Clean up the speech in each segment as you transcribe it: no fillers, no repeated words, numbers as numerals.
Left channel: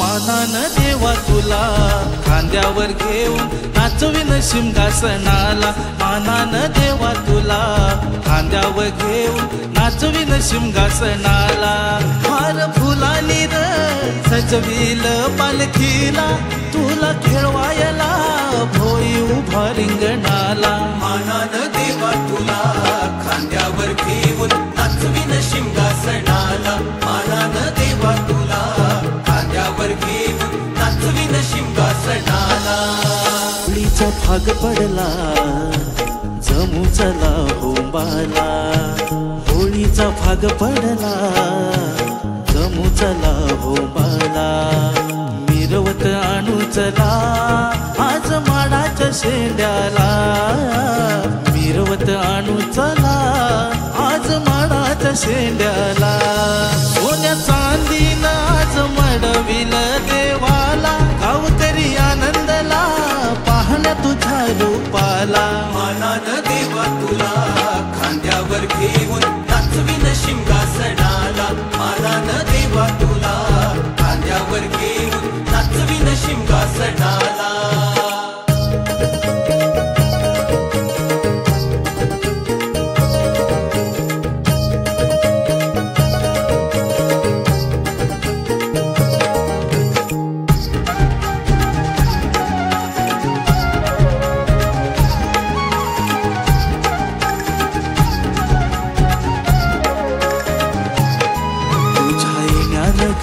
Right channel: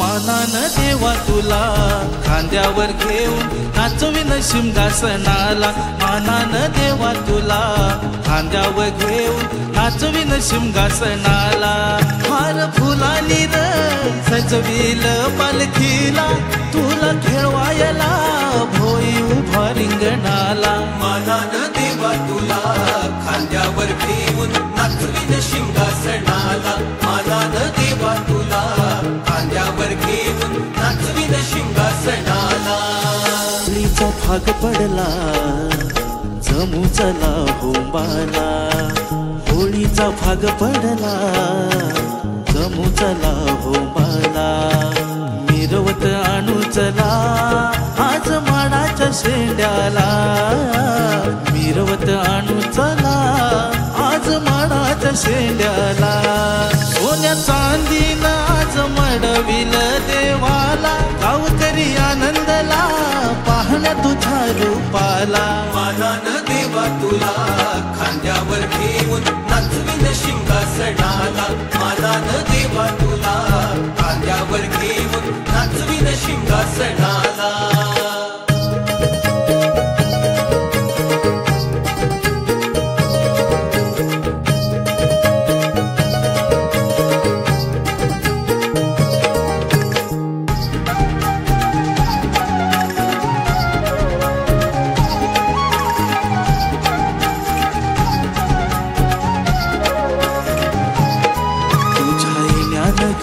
मानान देवा तुला खांद्यावर घेऊन नाचविन सिंहासनाला, मानान देवा तुला खांद्यावर घेऊन नाचविन सिंहासनाला। हार फुलानी र सजविल पालखीला, तुला खेळवायला भोई उभा रिंगणाला। मानान देवा तुला खांद्यावर घेऊन नाचविन सिंहासनाला, मानान देवा तुला खांद्यावर घेऊन नाचविन सिंहासनाला। होळीचा भाग पडला जमू चला होंबाला, होळीचा भाग पडला जमू चला होंबाला। मिरवत आणू चला आज माडाच्या शेंड्याला, मिरवत आणू चला आज माडाच्या शेंड्याला। सोन्या चांदीनं आज मडविल देवाला, गावकरी आनंदला पाहण्या तुझ्या रूपाला। मानान देवा तुला खांद्यावर घेऊन नाचविन सिंहासनाला, मानान देवा तुला खांद्यावर घेऊन नाचविन सिंहासनाला।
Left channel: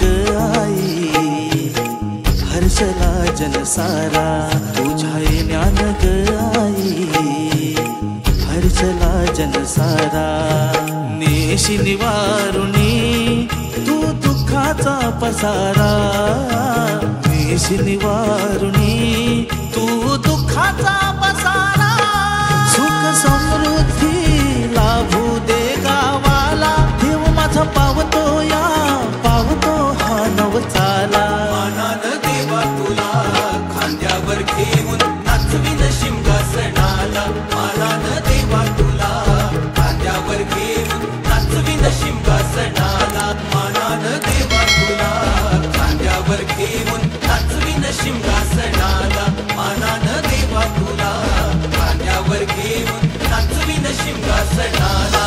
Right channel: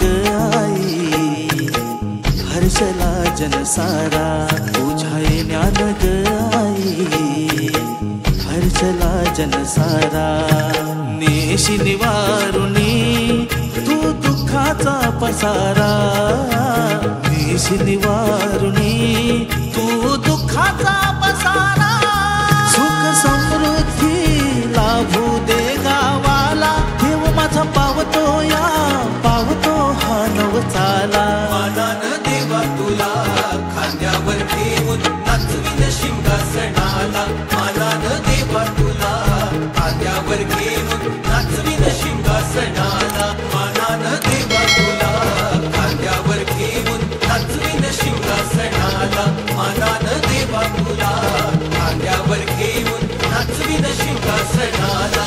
ग आई हर्षला जनसारा, तुझ्या ज्ञान ग आई हर्षला जनसारा। नेशी निवारुणी तू दुःखाचा पसारा, नेशी निवारुणी तू दुःखाचा पसारा। सुख समृद्धी लाभू दे गावाला, देव माझा पावतो या पावतो हा नवचाला। मानान देवा तुला खांद्यावर घेऊन नाचविन सिंहासनाला, मानान देवा तुला खांद्यावर घेऊन नाचविन सिंहासनाला, मानान देवा तुला खांद्यावर घेऊन नाचविन सिंहासनाला, मानान देवा तुला खांद्यावर घेऊन नाचविन सिंहासनाला।